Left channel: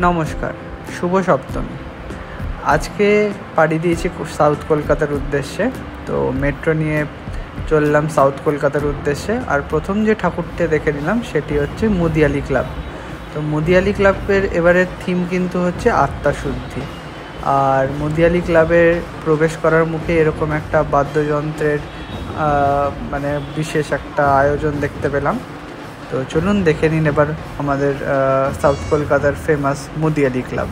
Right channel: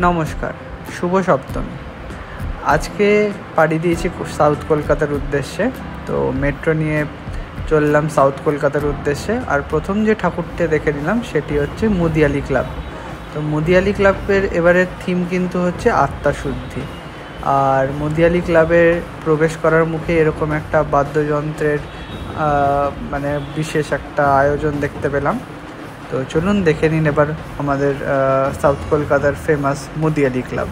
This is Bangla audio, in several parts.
নমস্কার, শুভ সপ্তমী। আজকে পাড়ি দিয়েছি সাউথ কলকাতার উদ্দেশ্যে। তো মেট্রো নিয়ে চললাম সাউথ কলকাতার উদ্দেশ্যে। আর প্রথম যে ঠাকুরটা দেখে নিলাম সেটি হচ্ছে মুদিয়ালি ক্লাব। তো মুদিয়ালি ক্লাবের এবারের থিম কিন্তু হচ্ছে আত্মাশুদ্ধি। আর মুদিয়ালি ক্লাবে প্রবেশ করার মুখে এরকম একটা বাদ্যযন্ত্রের বিশেষ একটা আয়োজন দেখতে পেলাম। তো চলুন দেখে নিন এবার আমাদের সাউথ কলকাতার famous Mudiali club.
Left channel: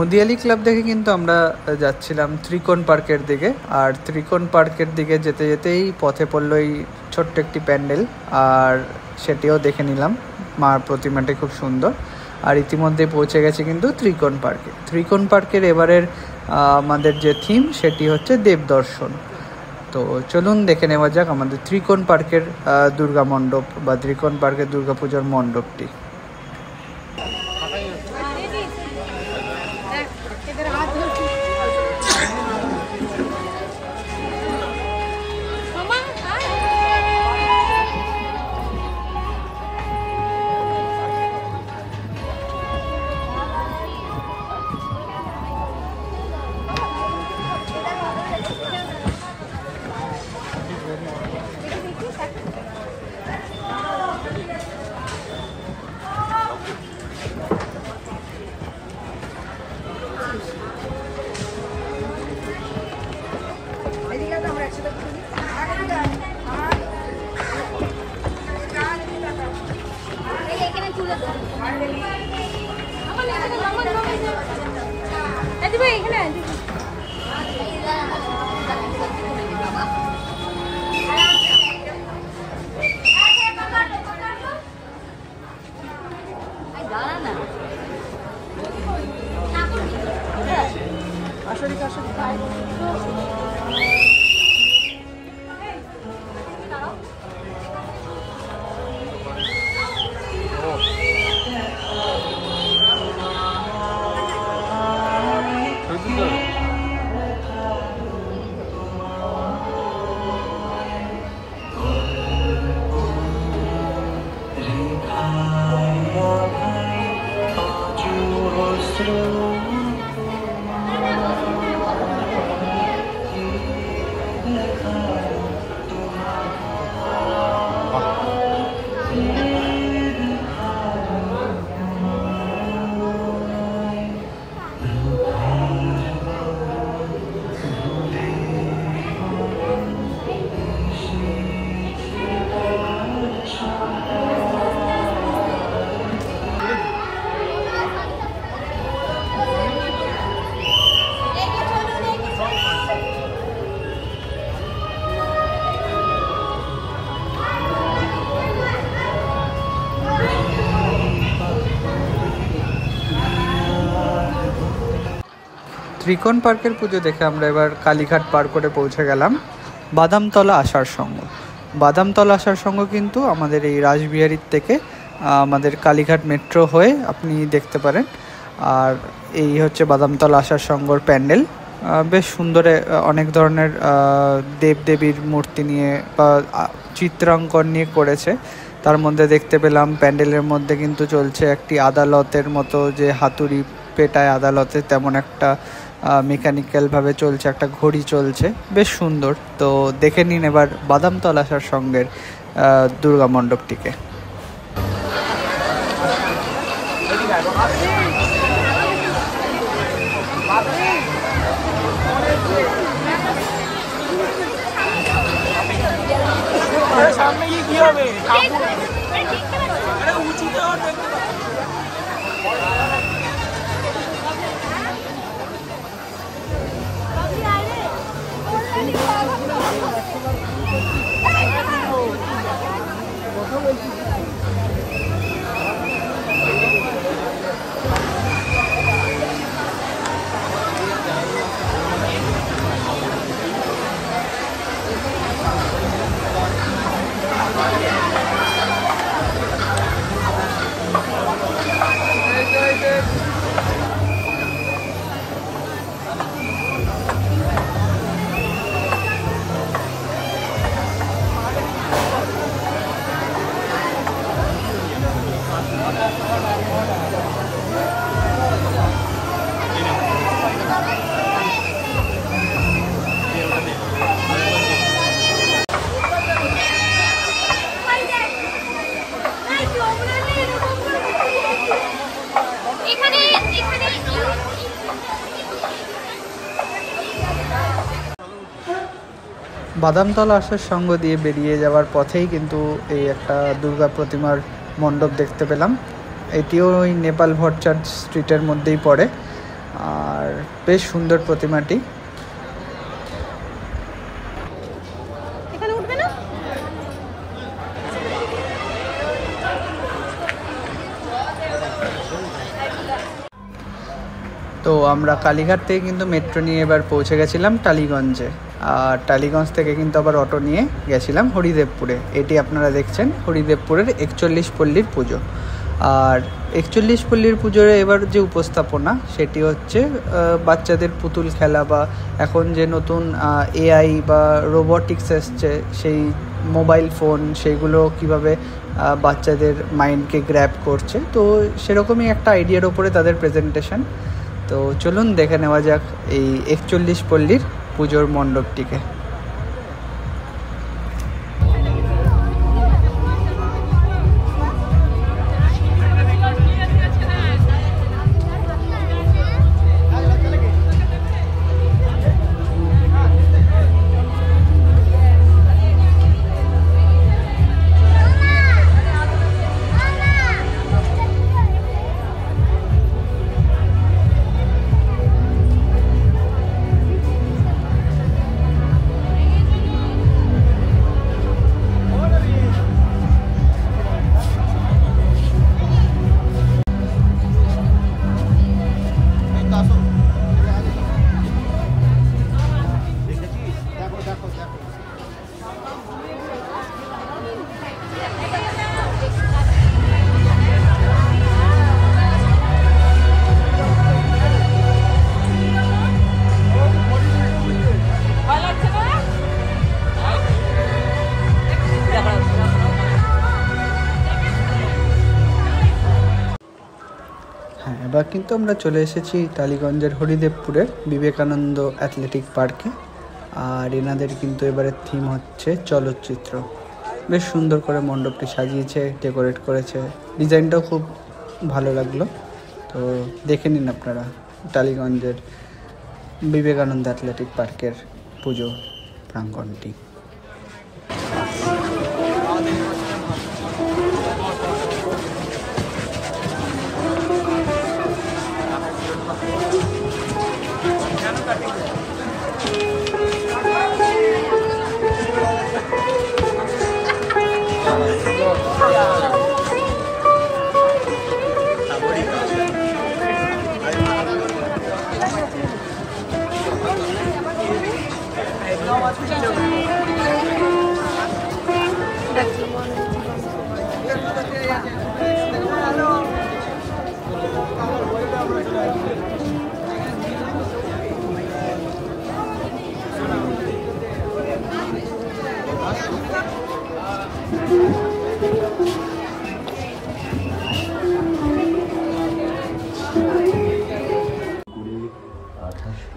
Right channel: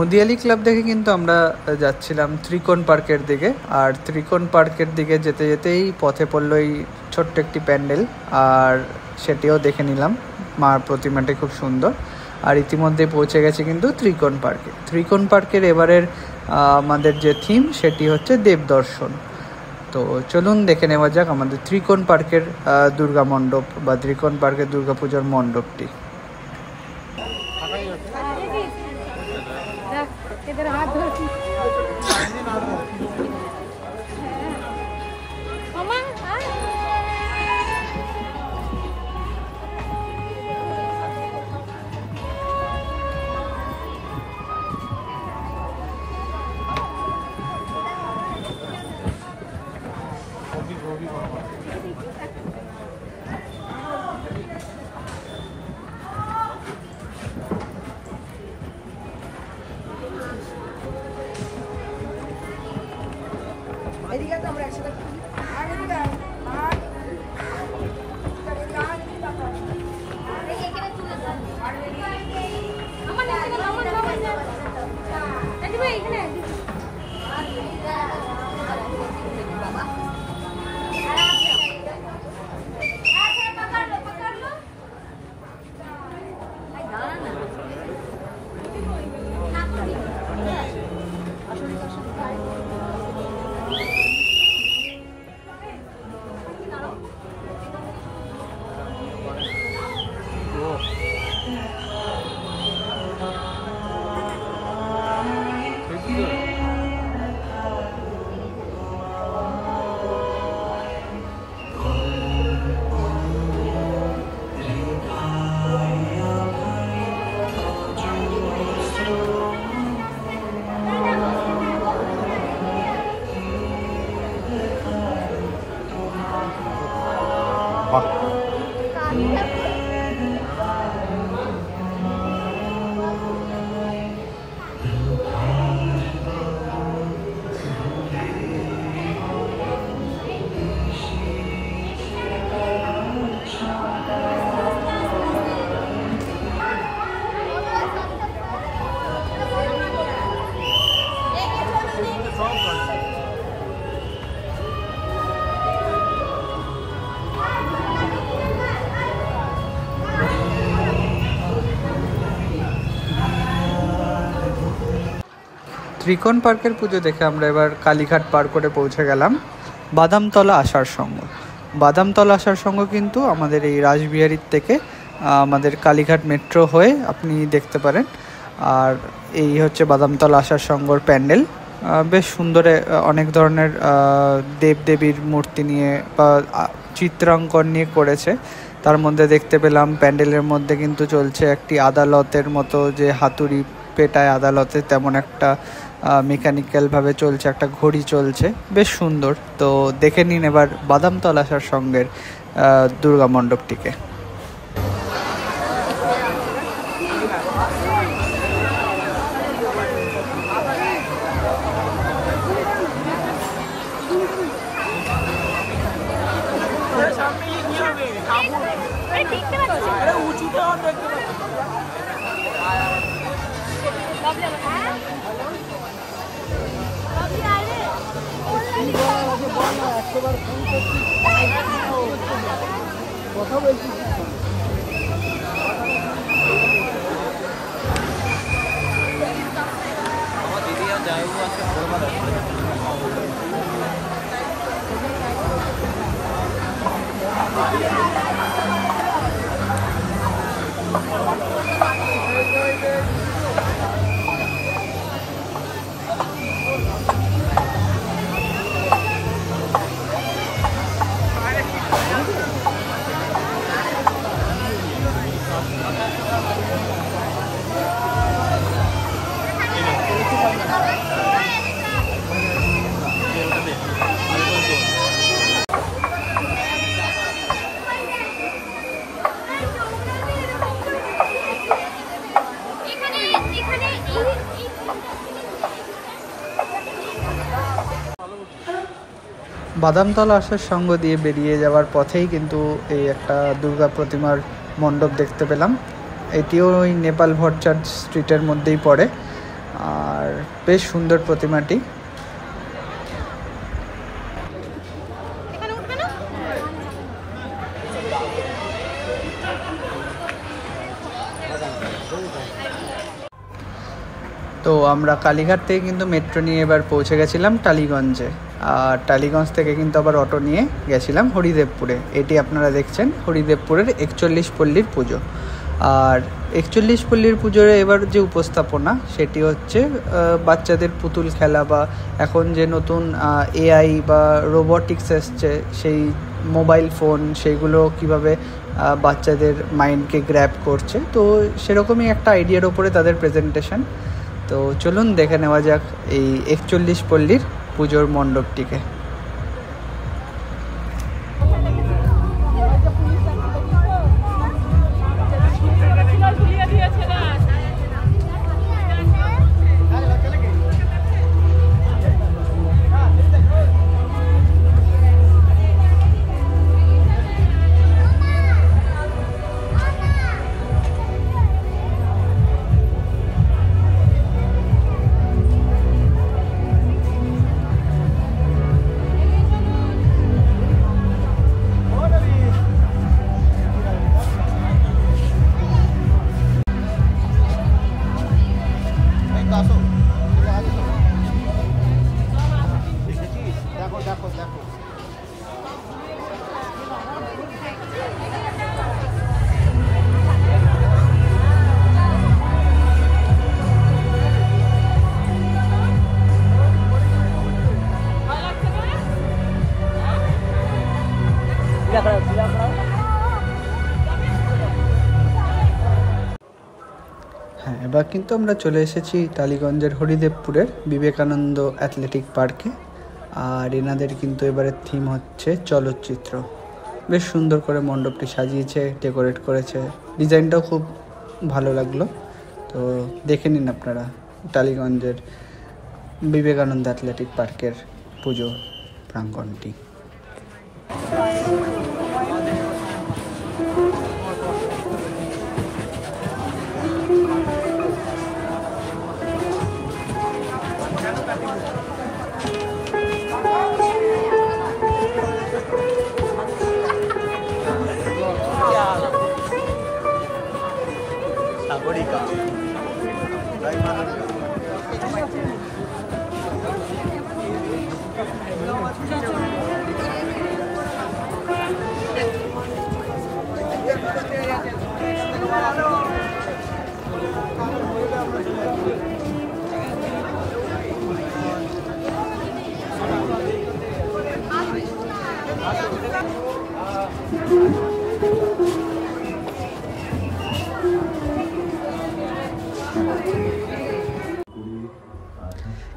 Mudiali club দেখে কিন্তু আমরা যাচ্ছিলাম ত্রিকোণ পার্কের দিকে। আর ত্রিকোণ পার্কের দিকে যেতে যেতেই পথে পড়লো এই ছোট্ট একটি প্যান্ডেল, আর সেটিও দেখে নিলাম। মার প্রতিমাটি খুব সুন্দর। আর ইতিমধ্যে পৌঁছে গেছে কিন্তু ত্রিকোণ পার্কে। ত্রিকোণ পার্কের এবারের আমাদের যে থিম সেটি হচ্ছে দেবদর্শন। তো চলুন দেখে নেওয়া যাক আমাদের ত্রিকোণ পার্কের দুর্গা মণ্ডপ বা ত্রিকোণ পার্কের দুর্গাপূজার মণ্ডপটি। ত্রিকোণ পার্কের পুজো দেখে আমরা এবার কালীঘাট পার করে পৌঁছে গেলাম বাদামতলা আসার সঙ্গ। বাদামতলা আসার সঙ্গ কিন্তু আমাদের এই রাসবিহারীর থেকে আমাদের কালীঘাট মেট্রো হয়ে আপনি দেখতে পারেন। আর এই হচ্ছে বাদামতলা আসার সঙ্গর প্যান্ডেল। বেশ সুন্দর, অনেক ধরনের দেবদেবীর মূর্তি নিয়ে বা চিত্রাঙ্কন নিয়ে করেছে। তার মধ্যে দেখতে পেলাম প্যান্ডেলের মধ্যে কিন্তু চলছে একটি আদালতের মতো, যে হাতুড়ি পেটায় আদালতে, তেমন একটা মেকানিক্যালভাবে চলছে, একটা ঘড়ি চলছে, বেশ সুন্দর। তো দেখে নিন এবার বাদামতলা আসার সঙ্গের দুর্গা মণ্ডপটিকে। কথা বলছি বাদামতলা আসার সঙ্গ দিয়ে বেরিয়ে যাওয়ার পথেই কিন্তু এই একটা দুর্গা প্রতিমার মণ্ডপ দেখতে পেলাম। এটিও ওই নেপাল ভট্টাচার্য স্ট্রিটের মধ্যেই পড়ে, আর বেশ সুন্দর প্রতিমাটি। তো আমরা কালীঘাট থেকে কিন্তু মেট্রো নিয়ে এবার পৌঁছে গেছিলাম টালিগঞ্জে। আর টালিগঞ্জ থেকে কিন্তু আবার অটো নিয়ে গেছিলাম হরিদেবপুরে। এটি আপনারা দেখছেন হরিদেবপুরের 41 পল্লীর পুজো। আর 41 পল্লীর পুজোর এবার যে উপস্থাপনা, সেটি হচ্ছে বাচ্চাদের পুতুল খেলা বা এখন যে নতুন এআই বা রোবোটিক্স এসছে, সেই মোবাইল ফোন, সেইগুলো কিভাবে বাচ্চাদের মাইন্ডকে গ্র্যাব করছে। তো সেরকমই একটা আইডিয়ার ওপরে তাদের প্রেজেন্টেশন। তো চলুন দেখে নেওয়া যাক এই 41 পল্লীর পুজোর মণ্ডপটিকে। হ্যাঁ, এবার কিন্তু আমরা চলে এসেছি টালিগঞ্জের হরিদেবপুরের বিবেকানন্দ অ্যাথলেটিক পার্কে। আর এনাদের কিন্তু এবারের থিম হচ্ছে চলচ্চিত্র। বেশ সুন্দর করে মণ্ডপটি সাজিয়েছে, ডেকোরেট করেছে, ডিজাইনটাও খুব ভালো লাগলো। তো দেখে নিন আপনারা টালিগঞ্জের বিবেকানন্দ অ্যাথলেটিক পার্কের পুজো প্রাঙ্গণটি।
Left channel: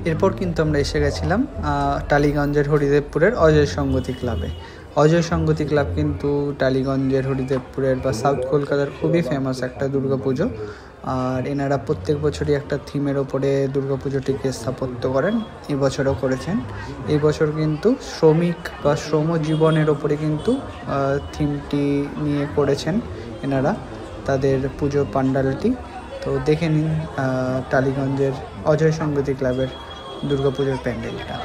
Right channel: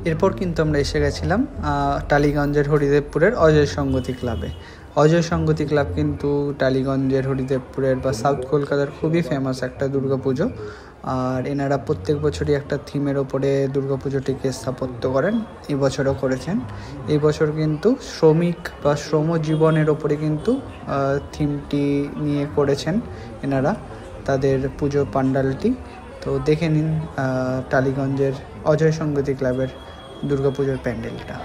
এরপর কিন্তু আমরা এসে গেছিলাম টালিগঞ্জের হরিদেবপুরের অজয় সঙ্গতি ক্লাবে। অজয় সঙ্গতি ক্লাব কিন্তু টালিগঞ্জের হরিদেবপুরের বা সাউথ কলকাতার খুবই ফেমাস একটা দুর্গাপুজো। আর এনারা প্রত্যেক বছরই একটা থিমের ওপরে দুর্গাপুজোটিকে স্থাপত্য করেন, এই বছরও করেছেন। এই বছর কিন্তু শ্রমিক বা শ্রমজীবনের ওপরে কিন্তু থিমটি নিয়ে করেছেন এনারা তাদের পুজো পান্ডালটি। তো দেখে নিন টালিগঞ্জের অজয় সঙ্গতি ক্লাবের দুর্গাপুজোর প্যান্ডেলটা।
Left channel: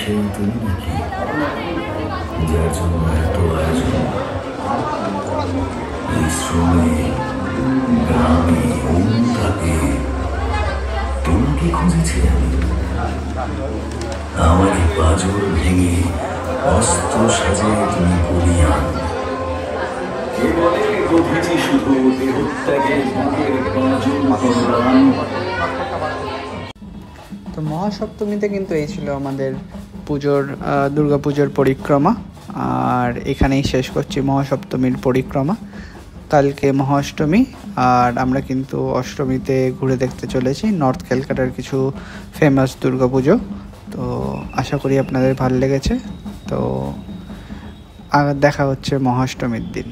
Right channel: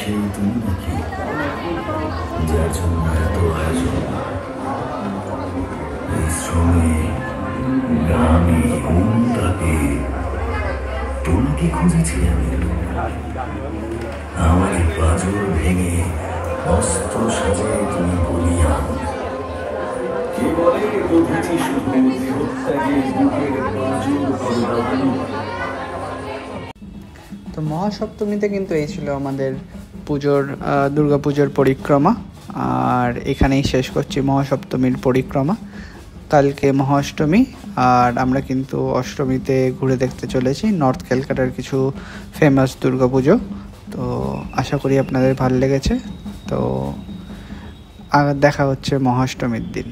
সেই তুমি নাকি যার জন্য এত আয়োজন, এই শ্রমে গ্রামে তাকে তোমাকে খুঁজেছি আমি। আমার পাঁজর ভেঙে অস্ত্র সাজায় তুমি বলিয়া কে বলে গভীরই শুধু দেহত্যাগের বুকের পাঁজর করদান। তো মহাসপ্তমীতে কিন্তু এই ছিল আমাদের দুর্গাপুজোর পরিক্রমা। আর এখানেই শেষ করছি মহাসপ্তমীর পরিক্রমা। কালকে মহাষ্টমী, আর আমরা কিন্তু অষ্টমীতে ঘুরে দেখতে চলেছি নর্থ ক্যালকাটার কিছু ফেমাস দুর্গাপুজো। তো আশা করি আপনাদের ভালো লেগেছে। তো দেখা হচ্ছে মহাষ্টমীর দিন।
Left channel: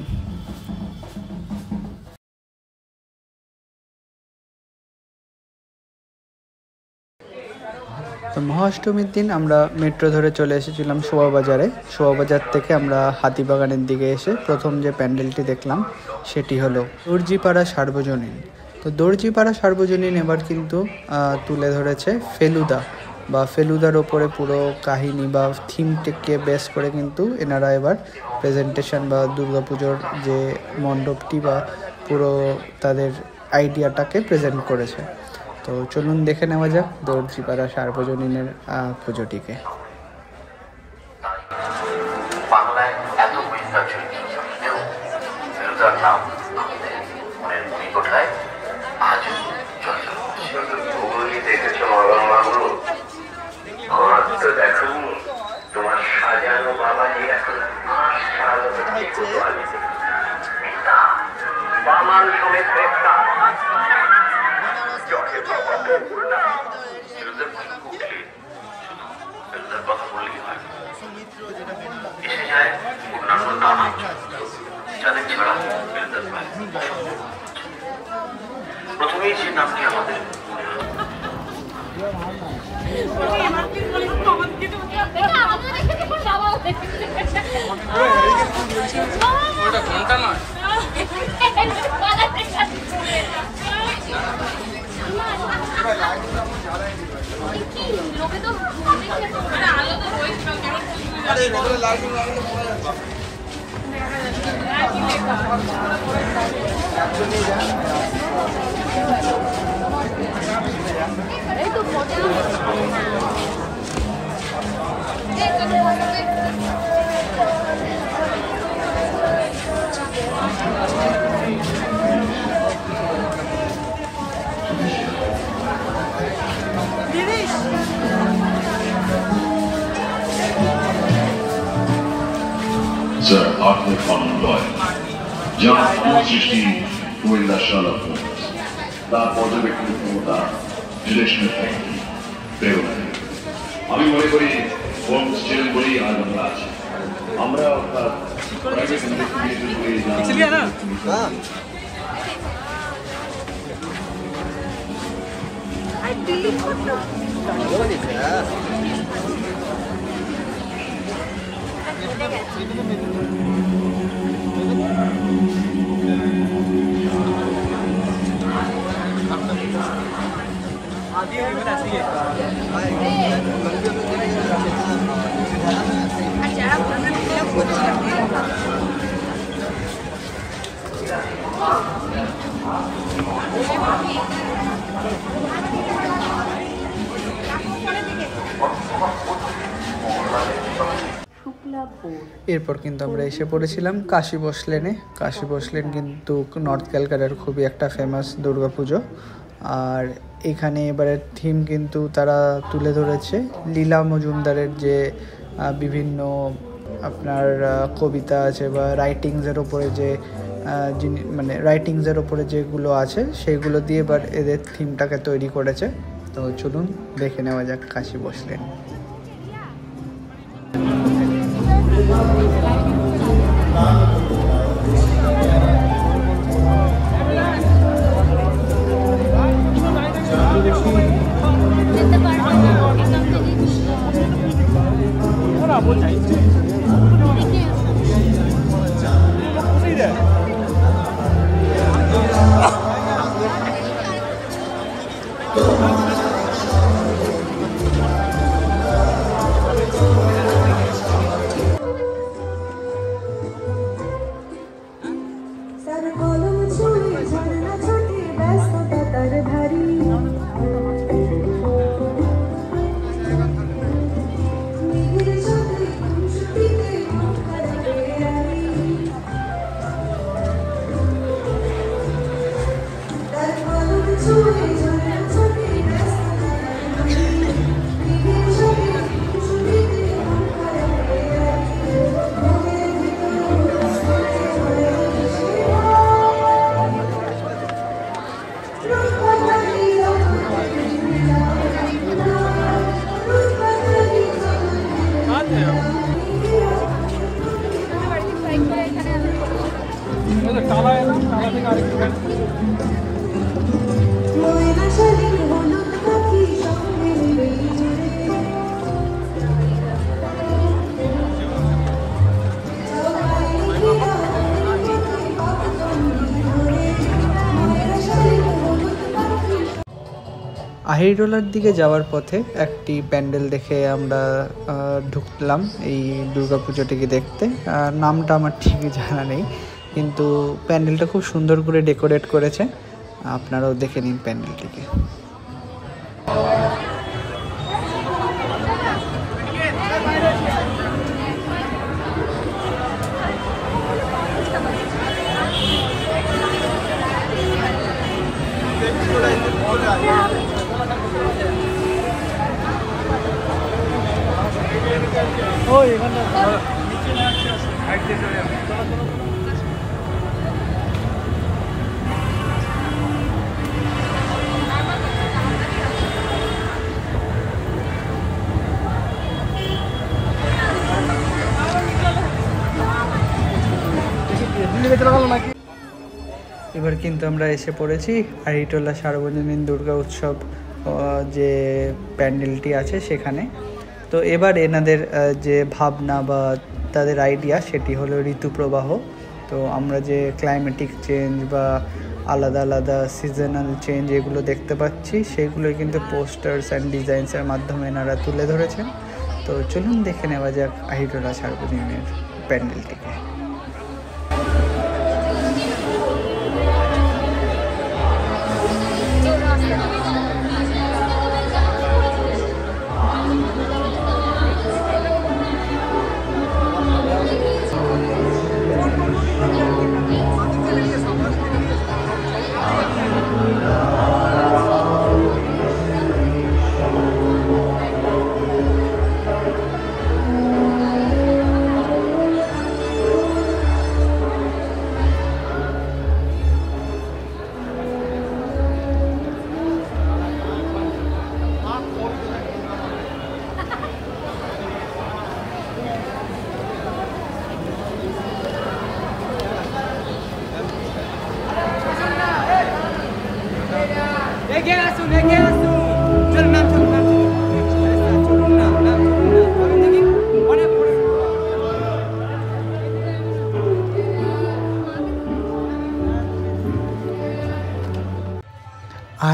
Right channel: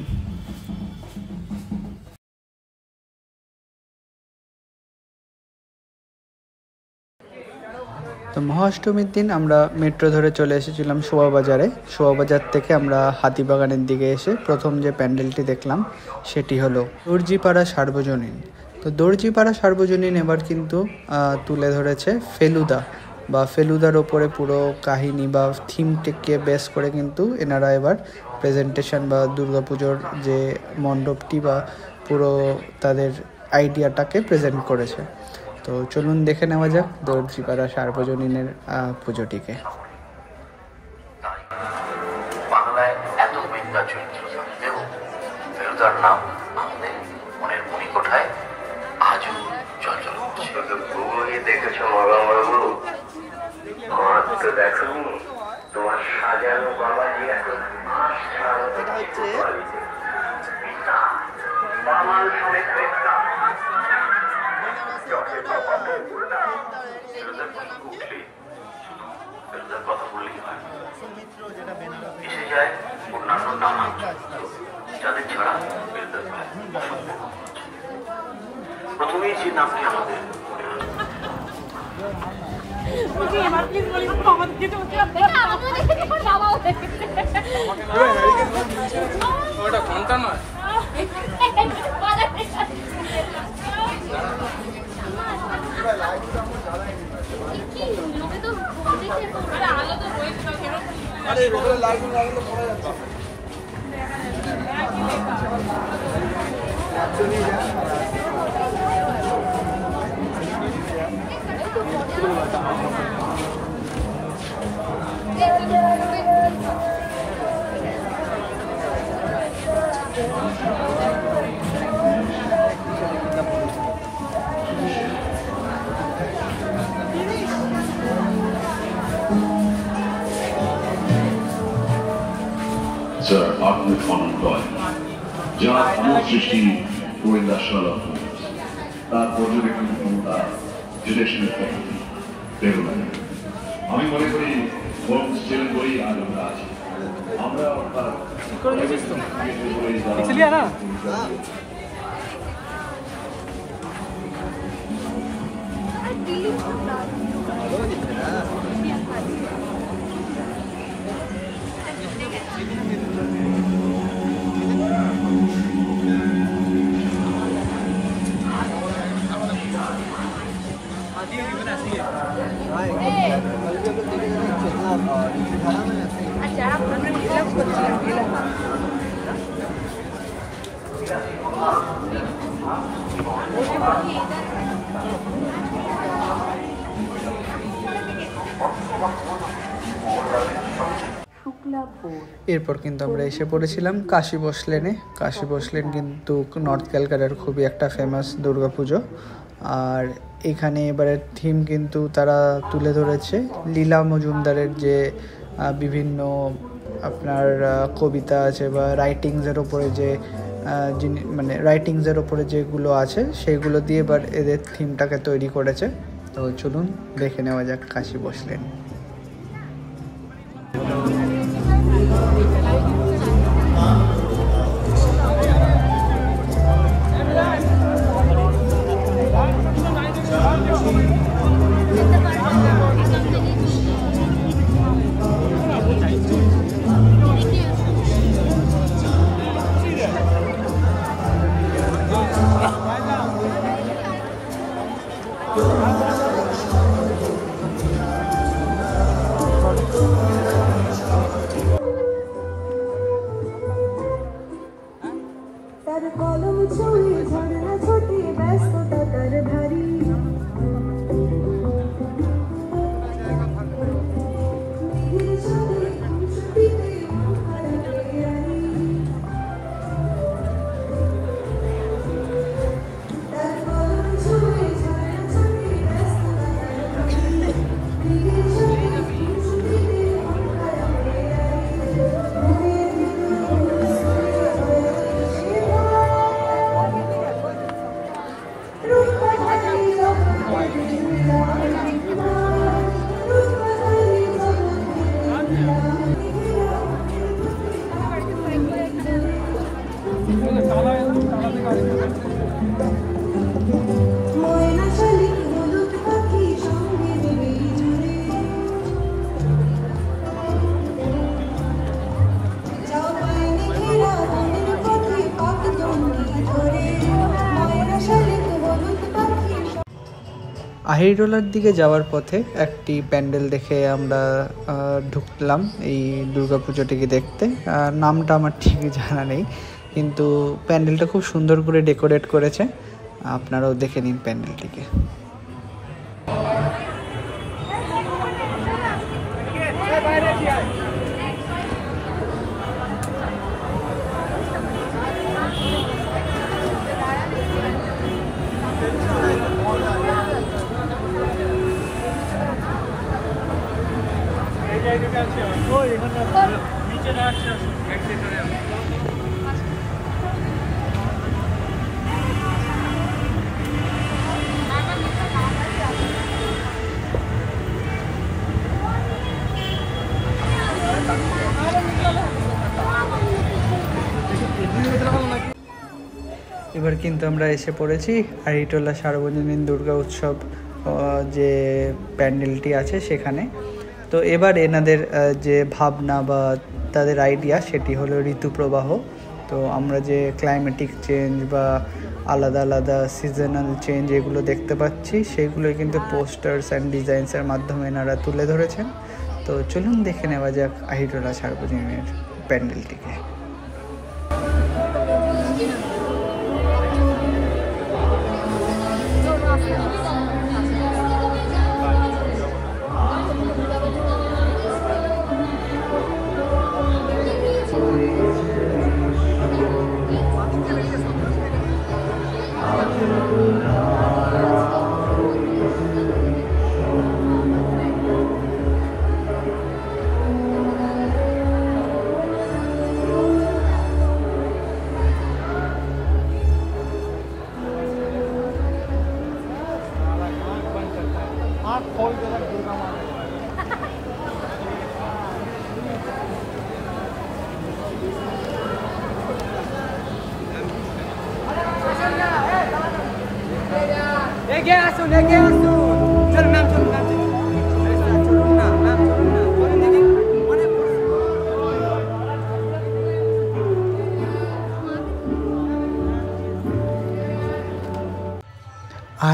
তো মহাষ্টমীর দিন আমরা মেট্রো ধরে চলে এসেছিলাম শোভাবাজারে। শোভাবাজার থেকে আমরা হাতিবাগানের দিকে এসে প্রথম যে প্যান্ডেলটি দেখলাম সেটি হলো দর্জিপাড়া সার্বজনীন। তো দর্জিপাড়া সার্বজনীন এবার কিন্তু তুলে ধরেছে ফেলুদা বা ফেলুদার ওপরে পুরো কাহিনী বা থিমটিকে বেস করে কিন্তু এনারা এবার প্রেজেন্টেশন বা দুর্গাপুজোর যে মণ্ডপটি বা পুরো তাদের আইডিয়াটাকে প্রেজেন্ট করেছে। তো চলুন দেখে নেওয়া যাক দর্জিপাড়া সার্বজনীনের পুজোটিকে। বাংলায় এত মেঘা চরিত্রেও ফেলুদার নাম আমাদের মনের মণিকোঠায় আজও চঞ্চল করছে। দেখেছো মরগুলো, আমার তো দেখনি তোমার সাজানো বাবাজি এখন বামান সমেত গ্রেপ্তার। কথা বললেই হয়, এসে যায় অন্যান্য নানা যাদের ছাড়া প্রথমেই যে নামটি আমাদের মনে হয় লোকে তো আলো তো হয়েছিল Sir, Arthur Conan Doyle, যার এমন সৃষ্টি গোয়েন্দা শার্লক হোমস, তার পর্যবেক্ষণ ক্ষমতা রিলেশনের প্রেরণা। আমি মনে করি হোমস ছিলেন বলেই আজ আমরা আছি। আমরা অর্থাৎ এরপর কিন্তু আমরা এসে পড়েছিলাম কাশী বসলেনে। কাশী বসলেন কিন্তু নর্থ ক্যালকাটার খুবই একটা ফেমাস দুর্গাপুজো। আর এখানে এবারের থিম কিন্তু তারা তুলে ধরেছে লীলা মজুমদারের যে বিভিন্ন আপনার কবিতা আছে বা রাইটিংসের ওপরে যে মানে রাইটিংসের ওপরে যেগুলো আছে সেগুলো দিয়ে এবার এদের থিমটাকে তৈরি করেছে। তো চলুন দেখে নেওয়া যাক কাশী বসলেন। আহিরটোলার দিকে যাওয়ার পথে একটি প্যান্ডেল দেখে আমরা ঢুকলাম এই দুর্গাপুজোটিকে দেখতে। নামটা আমার ঠিকই জানা নেই, কিন্তু প্যান্ডেলটা খুব সুন্দর করে ডেকোরেট করেছে। আপনারাও দেখে নিন প্যান্ডেলটিকে। এবার কিন্তু আমরা এসে পড়েছি আহিরটোলা সার্বজনীন দুর্গা উৎসব যে প্যান্ডেলটি আছে সেখানে। তো এবার এনাদের যে ভাবনা বা তাদের আইডিয়া সেটি হলো ঋতুপ্রবাহ। তো আমরা যে ক্লাইমেটিক চেঞ্জ বা আলাদা আলাদা সিজনাল চেঞ্জ এগুলো দেখতে পাচ্ছি সেইগুলোই কিন্তু পোস্টার্স অ্যান্ড ডিজাইনসের মাধ্যমে এনারা তুলে ধরেছেন। তো চলুন দেখে নেওয়া যাক আহিরটোলা সার্বজনীনের প্যান্ডেলটিকে।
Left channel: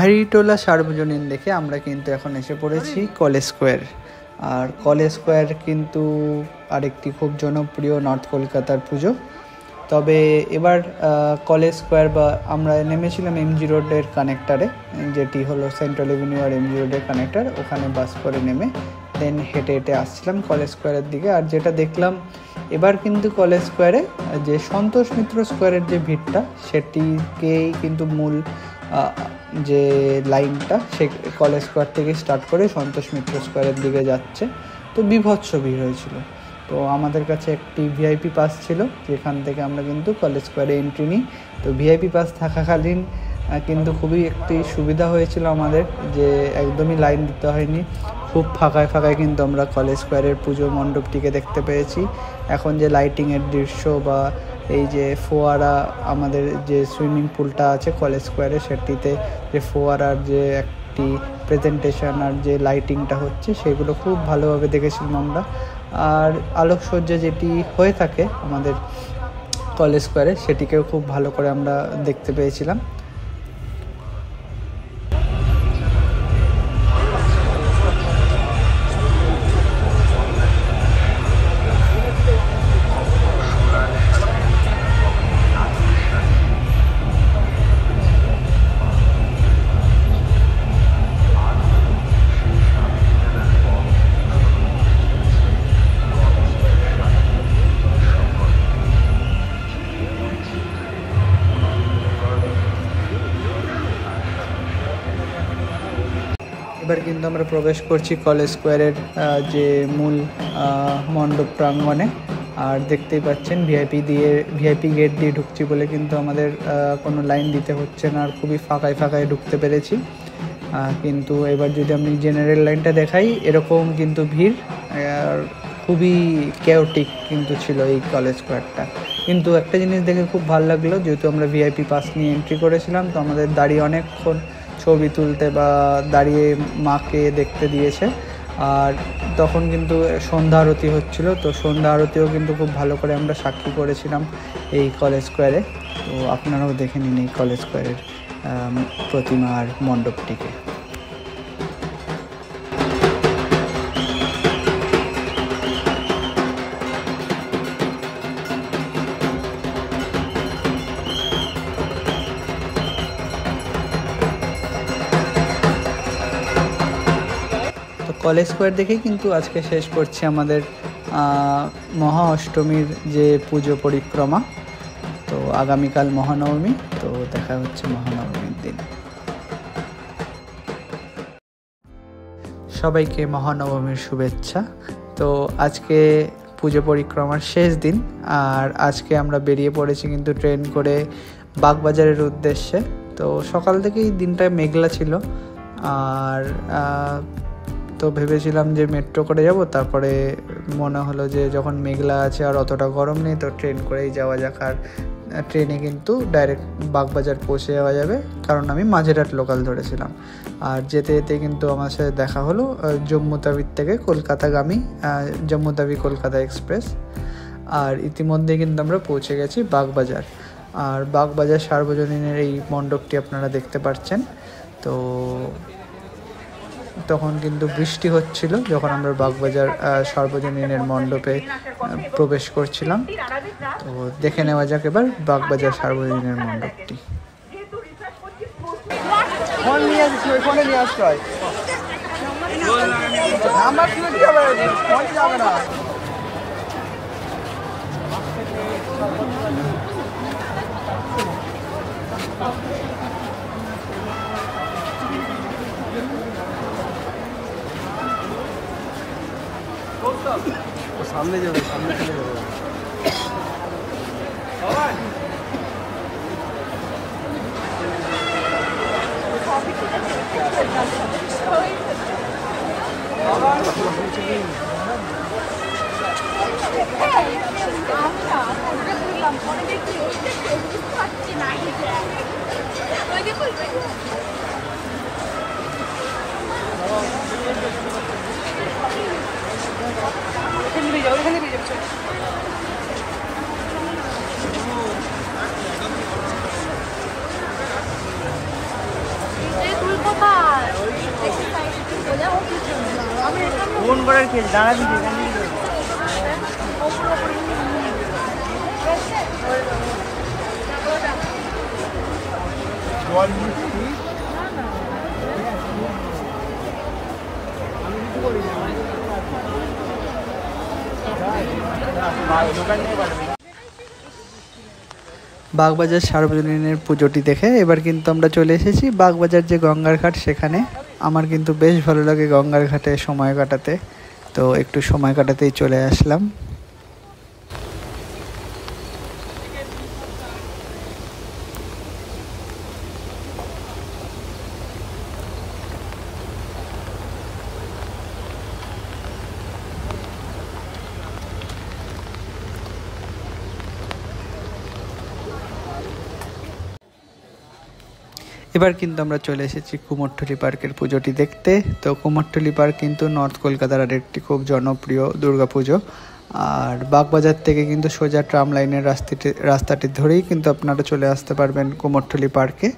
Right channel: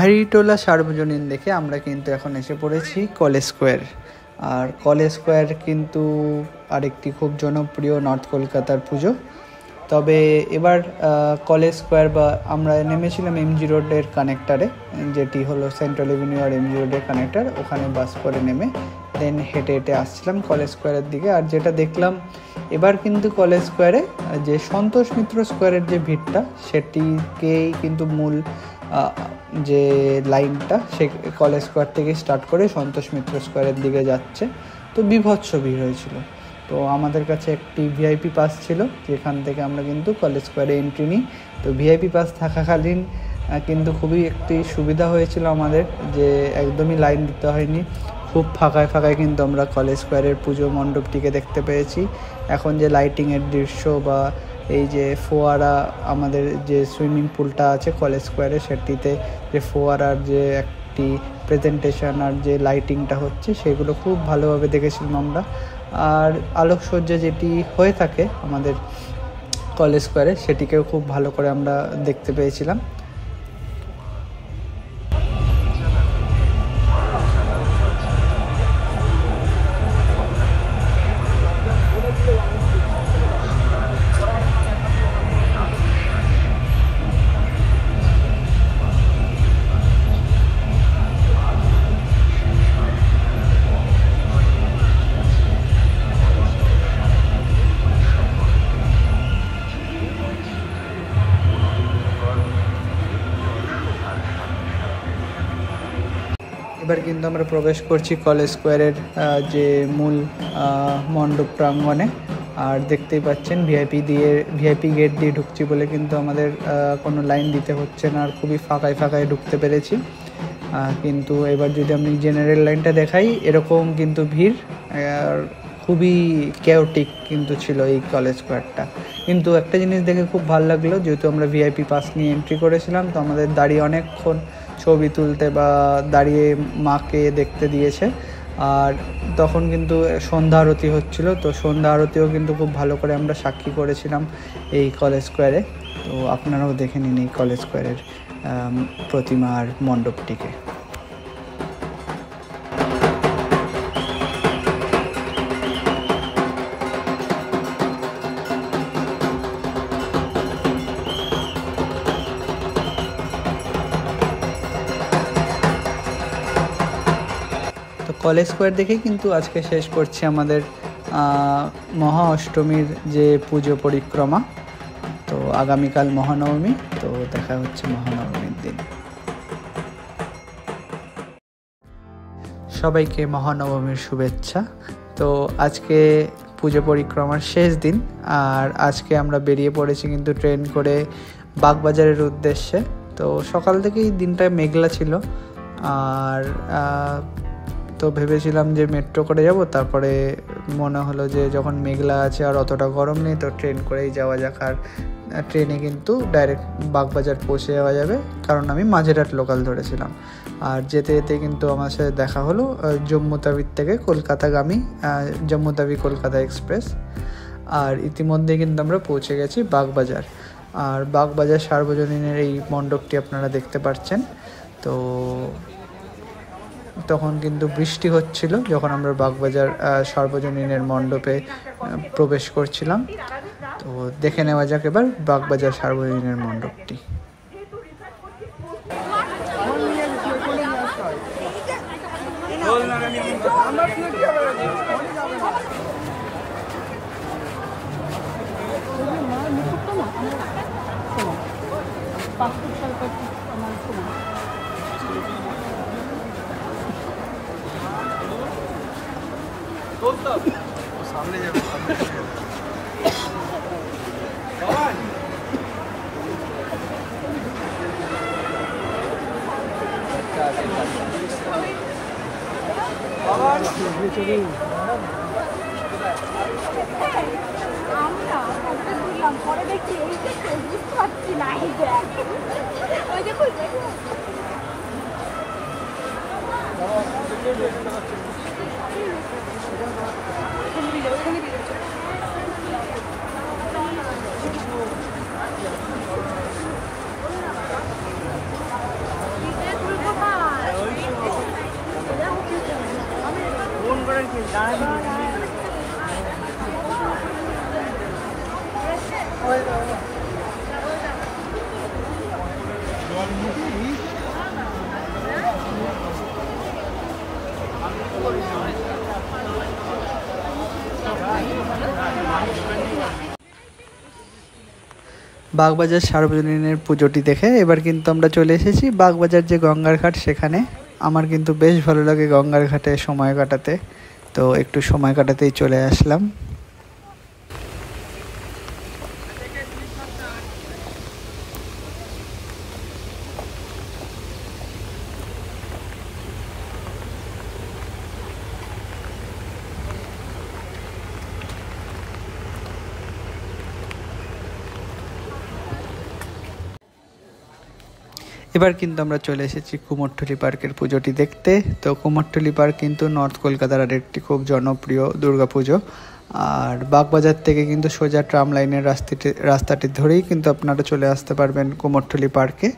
পাহাড়িটোলা সার্বজনীন দেখে আমরা কিন্তু এখন এসে পড়েছি কলেজ স্কোয়ার। আর কলেজ স্কোয়ার কিন্তু আরেকটি খুব জনপ্রিয় নর্থ কলকাতার পুজো। তবে এবার কলেজ স্কোয়ার বা আমরা নেমেছিলাম এমজি রোডের কানেক্টারে, যেটি হলো সেন্ট্রাল এভিনিউ আর এমজি রোডের কানেক্টার, ওখানে বাস করে নেমে দেন হেঁটে হেঁটে আসছিলাম কলেজ স্কোয়ারের দিকে। আর যেটা দেখলাম এবার কিন্তু কলেজ স্কোয়ারে যে সন্তোষ মিত্র স্কোয়ারের যে ভিড়টা, সেটিকেই কিন্তু মূল যে লাইনটা সে কলেজ স্কোয়ার থেকে স্টার্ট করে সন্তোষ মিত্র স্কোয়ারের দিকে যাচ্ছে। তো বীভৎস ভিড় হয়েছিল। তো আমাদের কাছে একটি ভিআইপি পাস ছিল, যেখান থেকে আমরা কিন্তু কলেজ স্কোয়ারে এন্ট্রি নিই। তো ভিআইপি পাস থাকাকালীন কিন্তু খুবই একটি সুবিধা হয়েছিল আমাদের, যে একদমই লাইন দিতে হয়নি। খুব ফাঁকায় ফাঁকায় কিন্তু আমরা কলেজ স্কোয়ারের পুজো মণ্ডপটিকে দেখতে পেয়েছি। এখন যে লাইটিংয়ের দৃশ্য বা এই যে ফোয়ারা, আমাদের যে সুইমিং পুলটা আছে কলেজ স্কোয়ারে, সেটিতে যে ফোয়ারার যে একটি প্রেজেন্টেশন আর যে লাইটিংটা হচ্ছে, সেগুলো খুব ভালোভাবে দেখেছিলাম আমরা। আর আলোকসজ্জা যেটি হয়ে থাকে আমাদের কলেজ স্কোয়ারে, সেটিকেও খুব ভালো করে আমরা দেখতে পেয়েছিলাম। এবার কিন্তু আমরা প্রবেশ করছি কলেজ স্কোয়ারের যে মূল মণ্ডপ প্রাঙ্গণে। আর দেখতেই পাচ্ছেন ভিআইপি গেট দিয়ে ঢুকছি বলে কিন্তু আমাদের কোনো লাইন দিতে হচ্ছে না, আর খুবই ফাঁকায় ফাঁকায় ঢুকতে পেরেছি। কিন্তু এবার যদি আমি জেনারেল লাইনটা দেখাই, এরকম কিন্তু ভিড়, আর খুবই কেওটিক কিন্তু ছিল এই কলেজ স্কোয়ারটা। কিন্তু একটা জিনিস দেখে খুব ভালো লাগলো, যেহেতু আমরা ভিআইপি পাস নিয়ে এন্ট্রি করেছিলাম, তো আমাদের দাঁড়িয়ে অনেকক্ষণ ছবি তুলতে বা দাঁড়িয়ে মাকে দেখতে দিয়েছে। আর তখন কিন্তু সন্ধ্যা আরতি হচ্ছিল, তো সন্ধ্যা আরতিও কিন্তু খুব ভালো করে আমরা সাক্ষী করেছিলাম এই কলেজ স্কোয়ারে। তো আপনারাও দেখে নিন এই কলেজ স্কোয়ারের প্রতিমা আর মণ্ডপটিকে। তো কলেজ স্কোয়ার দেখেই কিন্তু আজকে শেষ করছি আমাদের মহা অষ্টমীর যে পুজো পরিক্রমা। তো আগামীকাল মহানবমী, তো দেখা হচ্ছে মহানবমীর দিন। সবাইকে মহানবমীর শুভেচ্ছা। তো আজকে পুজো পরিক্রমার শেষ দিন, আর আজকে আমরা বেরিয়ে পড়েছি কিন্তু ট্রেন করে বাগবাজারের উদ্দেশ্যে। তো সকাল থেকেই দিনটা মেঘলা ছিল, আর তো ভেবেছিলাম যে মেট্রো করে যাব, তারপরে মনে হলো যে যখন মেঘলা আছে আর অতটা গরম নেই, তো ট্রেন করেই যাওয়া যাক। আর ট্রেনে কিন্তু ডাইরেক্ট বাগবাজার পৌঁছে যাওয়া যাবে, কারণ আমি মাঝেরহাট লোকাল ধরেছিলাম। আর যেতে যেতে কিন্তু আমার সাথে দেখা হলো জম্মু তাবির থেকে কলকাতাগামী জম্মু তাবি কলকাতা এক্সপ্রেস। আর ইতিমধ্যে কিন্তু আমরা পৌঁছে গেছি বাগবাজার। আর বাগবাজার সার্বজনীনের এই মণ্ডপটি আপনারা দেখতে পাচ্ছেন। তো তখন কিন্তু বৃষ্টি হচ্ছিল যখন আমরা বাগবাজার সার্বজনীনের মণ্ডপে প্রবেশ করছিলাম। তো দেখে নেওয়া যাক এবার বাগবাজার সার্বজনীনের মণ্ডপটি। পরে দেখি বুঝতে পারছি না। ফোন করে কি দাঁড়া দিবি বাগবাজার সার্বজনীনের পুজোটি দেখে এবার কিন্তু আমরা চলে এসেছি বাগবাজার যে গঙ্গার ঘাট সেখানে। আমার কিন্তু বেশ ভালো লাগে গঙ্গার ঘাটে সময় কাটাতে, তো একটু সময় কাটাতেই চলে আসলাম। এবার কিন্তু আমরা চলে এসেছি কুমোরটুলি পার্কের পুজোটি দেখতে। তো কুমোরটুলি পার্ক কিন্তু নর্থ কলকাতার আরেকটি খুব জনপ্রিয় দুর্গাপুজো। আর বাগবাজার থেকে কিন্তু সোজা ট্রাম লাইনের রাস্তাটি ধরেই কিন্তু আপনারা চলে আসতে পারবেন কুমোরটুলি পার্কে।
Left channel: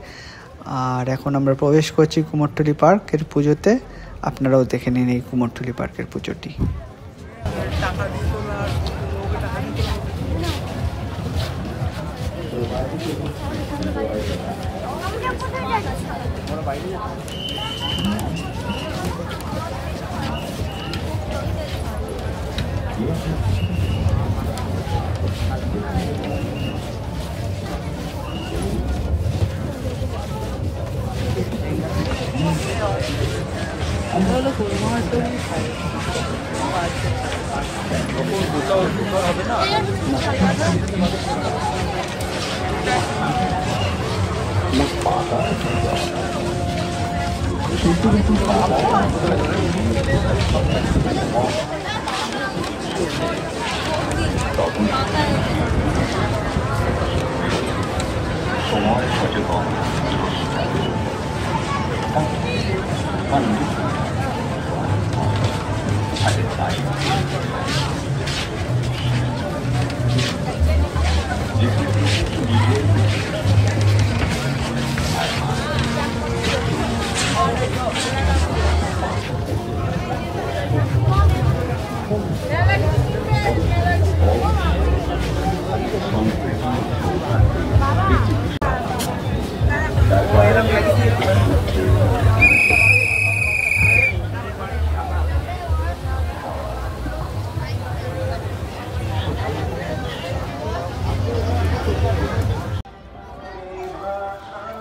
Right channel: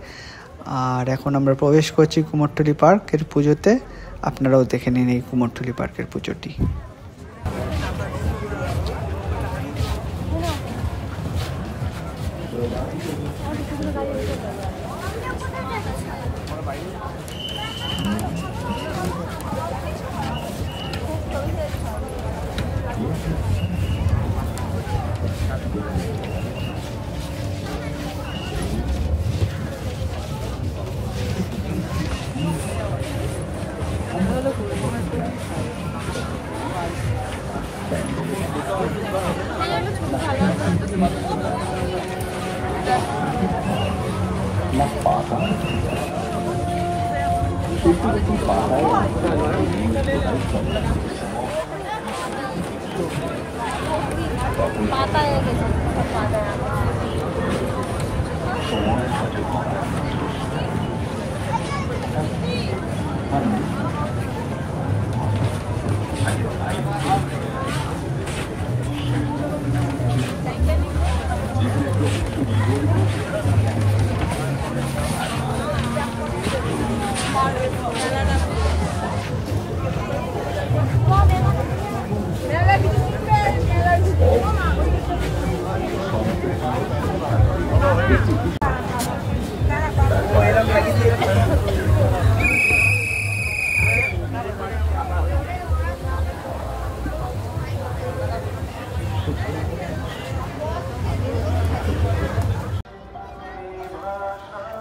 আর এখন আমরা প্রবেশ করছি কুমোরটুলি পার্কের পুজোতে। আপনারাও দেখে নিন এই কুমোরটুলি পার্কের পুজোটি।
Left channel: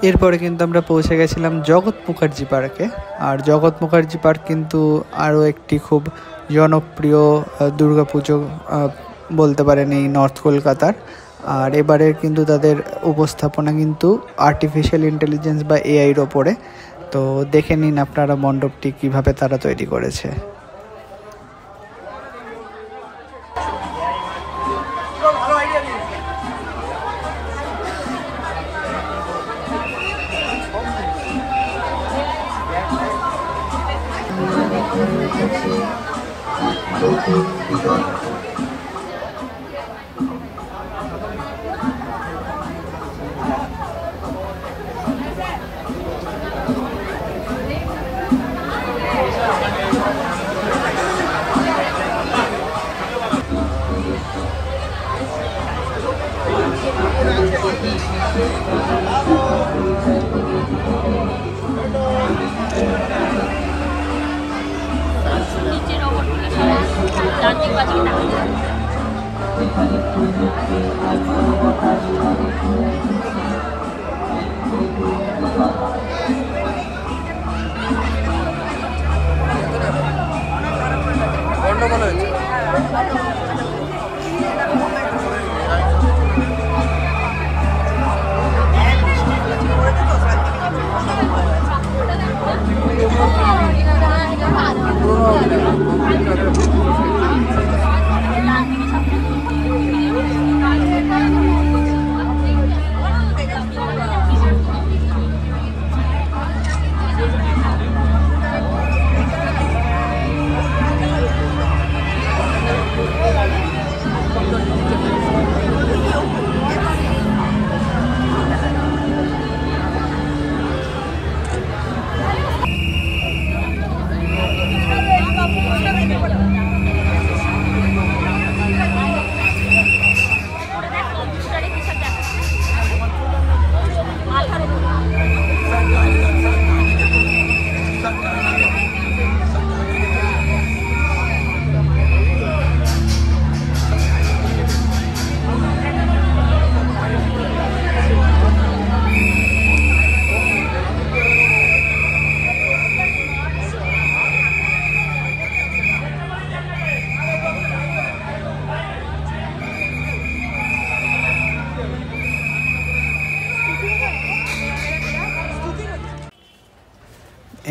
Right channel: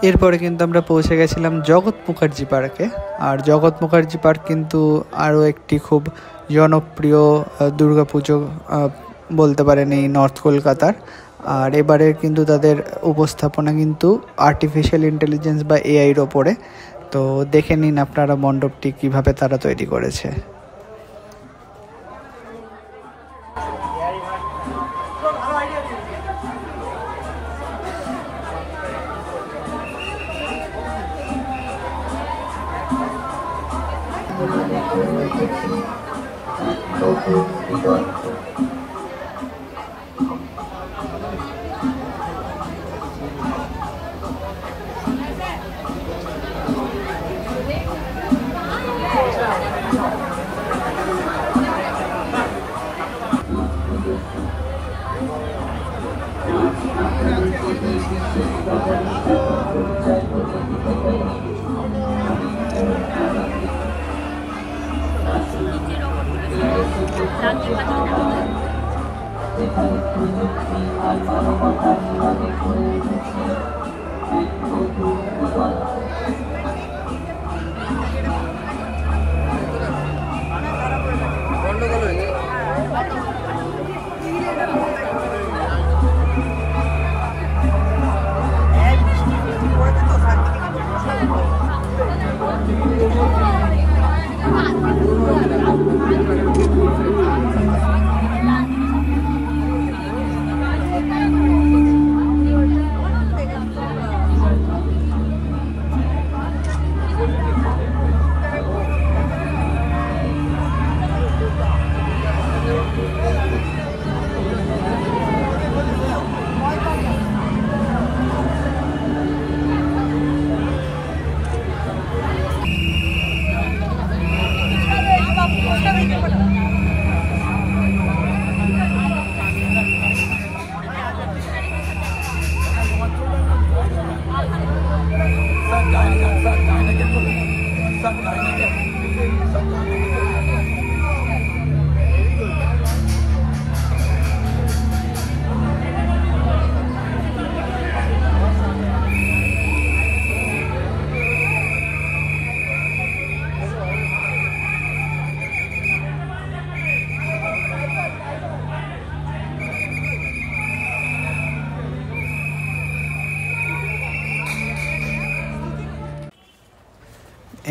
এরপরে কিন্তু আমরা পৌঁছে গেছিলাম জগৎ মুখার্জি পার্কে। আর জগৎ মুখার্জি পার্ক কিন্তু আরও একটি খুব জনপ্রিয় দুর্গাপুজো বলতে পারেন এই নর্থ কলকাতার। আর এবারের কিন্তু তাদের উপস্থাপনা কিন্তু আর্টিফিশিয়াল ইন্টেলিজেন্স বা এআইয়ের ওপরে। তো দেখে নিন আপনারা মণ্ডপটি কিভাবে তারা তৈরি করেছে।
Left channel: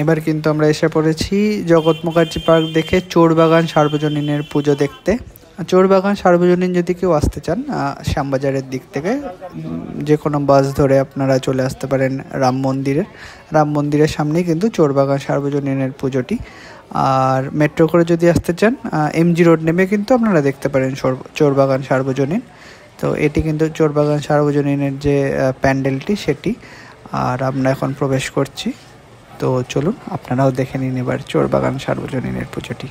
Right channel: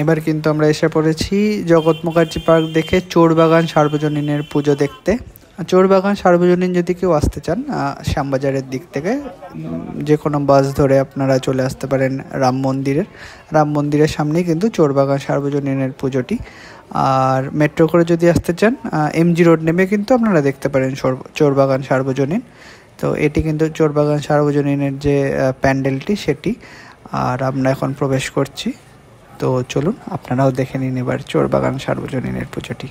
এবার কিন্তু আমরা এসে পড়েছি জগৎ মুখার্জি পার্ক দেখে চোরবাগান সার্বজনীনের পুজো দেখতে। চোরবাগান সার্বজনীন যদি কেউ আসতে চান শ্যামবাজারের দিক থেকে যে কোনো বাস ধরে আপনারা চলে আসতে পারেন রাম মন্দিরের সামনেই কিন্তু চোরবাগান সার্বজনীনের পুজোটি। আর মেট্রো করে যদি আসতে চান এমজি রোড নেমে কিন্তু আপনারা দেখতে পারেন চোরবাগান সার্বজনীন। তো এটি কিন্তু চোরবাগান সার্বজনীনের যে প্যান্ডেলটি সেটি। আর আমরা এখন প্রবেশ করছি, তো চলুন আপনারাও দেখে নিন এবার চোরবাগান সার্বজনীনের পুজোটি।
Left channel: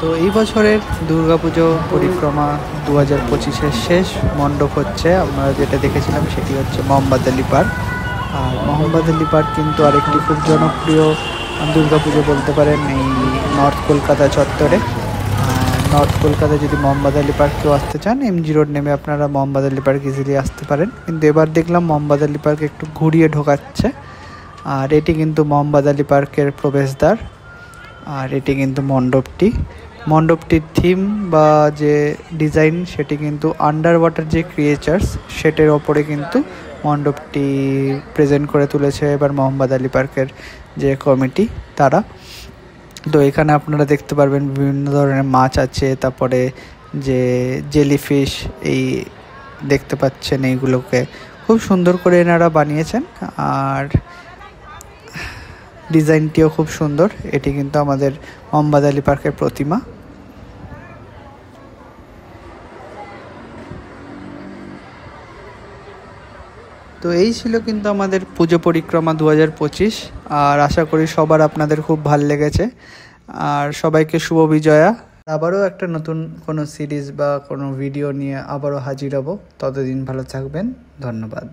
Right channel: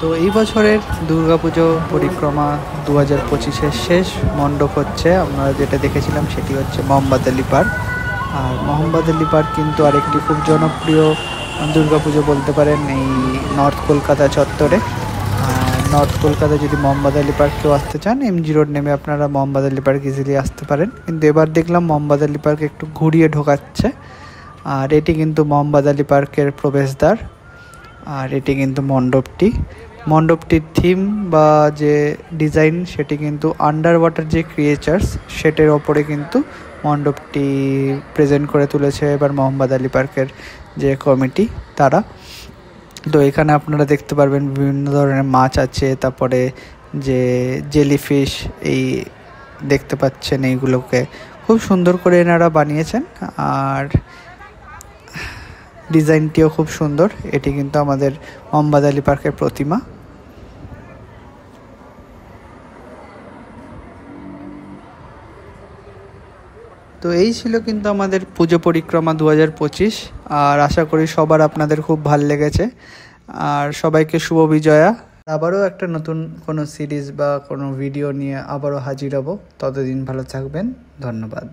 তো এই বছরের দুর্গাপুজো পরিক্রমা 2025-এর শেষ মণ্ডপ হচ্ছে। আমরা যেটা দেখেছিলাম সেটি হচ্ছে মোহাম্মদ আলী পার্ক। আর মোহাম্মদ আলী পার্ক কিন্তু আরেকটি খুব জনপ্রিয় দুর্গাপুজো বলতে পারেন এই নর্থ কলকাতা চত্বরে। আর নর্থ কলকাতায় যদি মোহাম্মদ আলী পার্ক কেউ আসতে চান এমজি রোড নেমে আপনারা মোহাম্মদ আলী পার্ক ইজিলি আসতে পারেন। কিন্তু এবার দেখলাম মোহাম্মদ আলী পার্ক একটু ঘুরিয়ে ঢোকাচ্ছে। আর এটি কিন্তু মোহাম্মদ আলী পার্কের প্রবেশদ্বার। আর এটি কিন্তু মণ্ডপটির থিম বা যে ডিজাইন সেটি কিন্তু আন্ডার ওয়াটার যে ক্রিয়েচার্স সেটার ওপরে কিন্তু মণ্ডপটি প্রেজেন্ট করে তুলেছে এবার মোহাম্মদ আলী পার্কের যে কমিটি তারা। তো এখানে আপনারা দেখতে পারবেন বিভিন্ন ধরনের মাছ আছে, তারপরে যে জেলিফিশ এই দেখতে পাচ্ছেন, এইগুলোকে খুব সুন্দর করে এনারা বানিয়েছেন। আর ডিজাইনটিও খুব সুন্দর। এটি কিন্তু আমাদের মোহাম্মদ আলী পার্কের প্রতিমা। তো এই ছিল কিন্তু আমাদের পুজো পরিক্রমা 2025। আর আশা করি সবার আপনাদের খুব ভালো লেগেছে। আর সবাইকে শুভ বিজয়া। আবারও একটা নতুন কোনো সিরিজ বা কোনো ভিডিও নিয়ে আবারও হাজির হব। ততদিন ভালো থাকবেন। ধন্যবাদ।